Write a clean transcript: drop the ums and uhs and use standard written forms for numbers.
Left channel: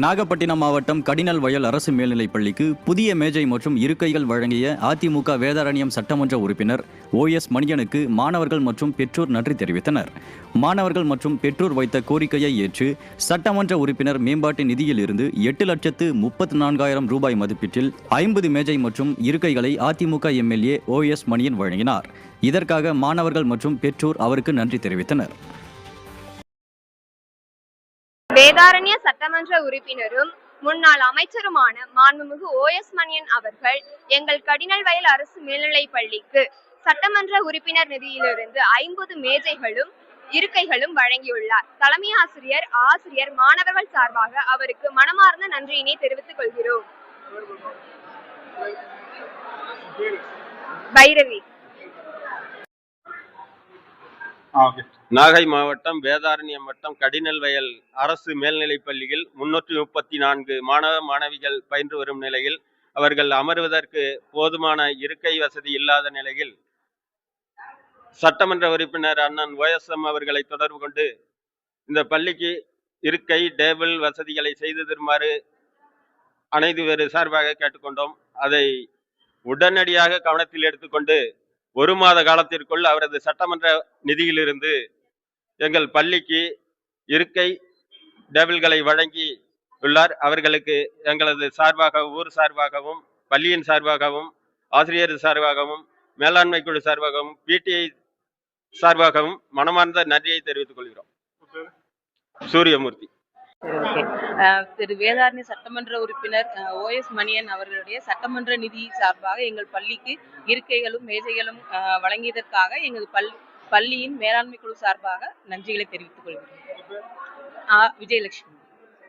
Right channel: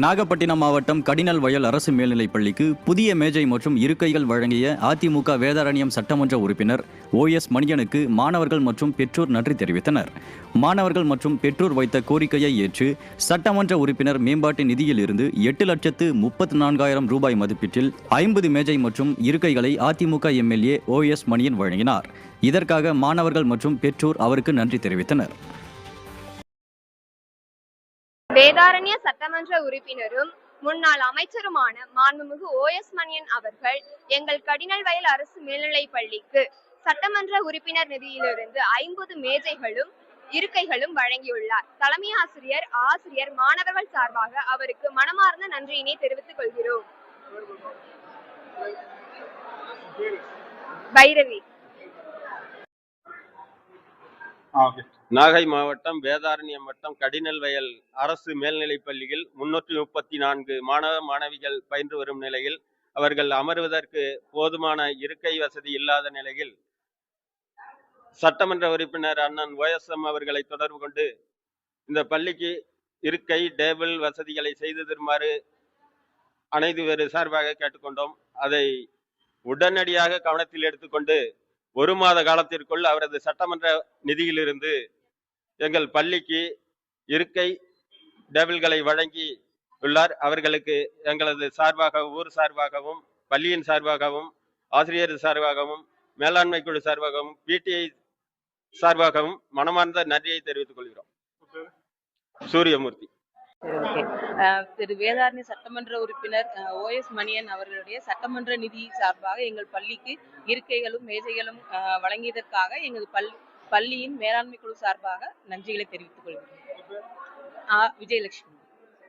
நாகப்பட்டினம் மாவட்டம் கடினல் வயல் அரசு மேல்நிலைப் பள்ளிக்கு புதிய மேஜை மற்றும் இருக்கைகள் வழங்கிய அதிமுக வேதாரண்யம் சட்டமன்ற உறுப்பினர் OS மணியனுக்கு மாணவர்கள் மற்றும் பெற்றோர் நன்றி தெரிவித்தனர். மாணவர்கள் மற்றும் பெற்றோர் வைத்த கோரிக்கையை ஏற்று சட்டமன்ற உறுப்பினர் மேம்பாட்டு நிதியில் இருந்து 8,34,000 ரூபாய் மதிப்பீட்டில் 50 மேஜை மற்றும் இருக்கைகளை அதிமுக MLA OS மணியன் வழங்கினார். இதற்காக மாணவர்கள் மற்றும் பெற்றோர் அவருக்கு நன்றி தெரிவித்தனர். வேதாரண்ய சட்டமன்ற உறுப்பினரும் முன்னாள் அமைச்சருமான மாண்புமிகு OS மணியன் அவர்கள் எங்கள் கடினல் வயல் அரசு மேல்நிலைப் பள்ளிக்கு சட்டமன்ற உறுப்பினர் நிதியிலிருந்து 50 மேஜைகளும் இருக்கைகளும் வழங்கியுள்ளார். தலைமை ஆசிரியர் மாணவர்கள் சார்பாக அவருக்கு மனமார்ந்த நன்றியினை தெரிவித்துக் கொள்கிறோம். பைரவி. நாகை மாவட்டம் வேதாரண்யம் வட்டம் கடினல் வயல் அரசு மேல்நிலைப் பள்ளியில் 334 மாணவ மாணவிகள் பயின்று வரும் நிலையில் அவர்கள் அமர்வதற்கு போதுமான இருக்கை வசதி இல்லாத நிலையில் சட்டமன்ற உறுப்பினர் அண்ணன் OSM அவர்களை தொடர்பு கொண்டு இந்த பள்ளிக்கு இருக்கை டேபிள் வசதிகளை செய்து தருமாறு அனைத்து பேர் சார்பாக கேட்டுக்கொண்டோம். அதை உடனடியாக கவனத்தில் எடுத்துக்கொண்டு 1 மாத காலத்திற்குள் அவரது சட்டமன்ற நிதியிலிருந்து எங்கள் பள்ளிக்கு இருக்கை டேபிள்களை வழங்கி உள்ளார். அவர்களுக்கு எங்களது சார்பாக ஊர் சார்பாகவும் பள்ளியின் சார்பாகவும் ஆசிரியர் சார்பாகவும் மேலாண்மை குழு சார்பாகவும் PTI சார்பாகவும் மனமார்ந்த நன்றியை தெரிவித்துக் கொள்கிறோம். சூரியமூர்த்தி. திரு வேதாரண்ய சட்டமன்ற உறுப்பினர் OS மணியன் அவர்களுடைய சட்டமன்ற நிதி சார்பாக எங்கள் பள்ளிக்கு இருக்கைகளும் மேஜைகளும் வழங்கியதற்காக எங்கள் பள்ளியின் மேலாண்மை குழு சார்பாக நன்றிகளை தெரிவித்துக் கொள்கிறோம். விஜயலட்சுமி.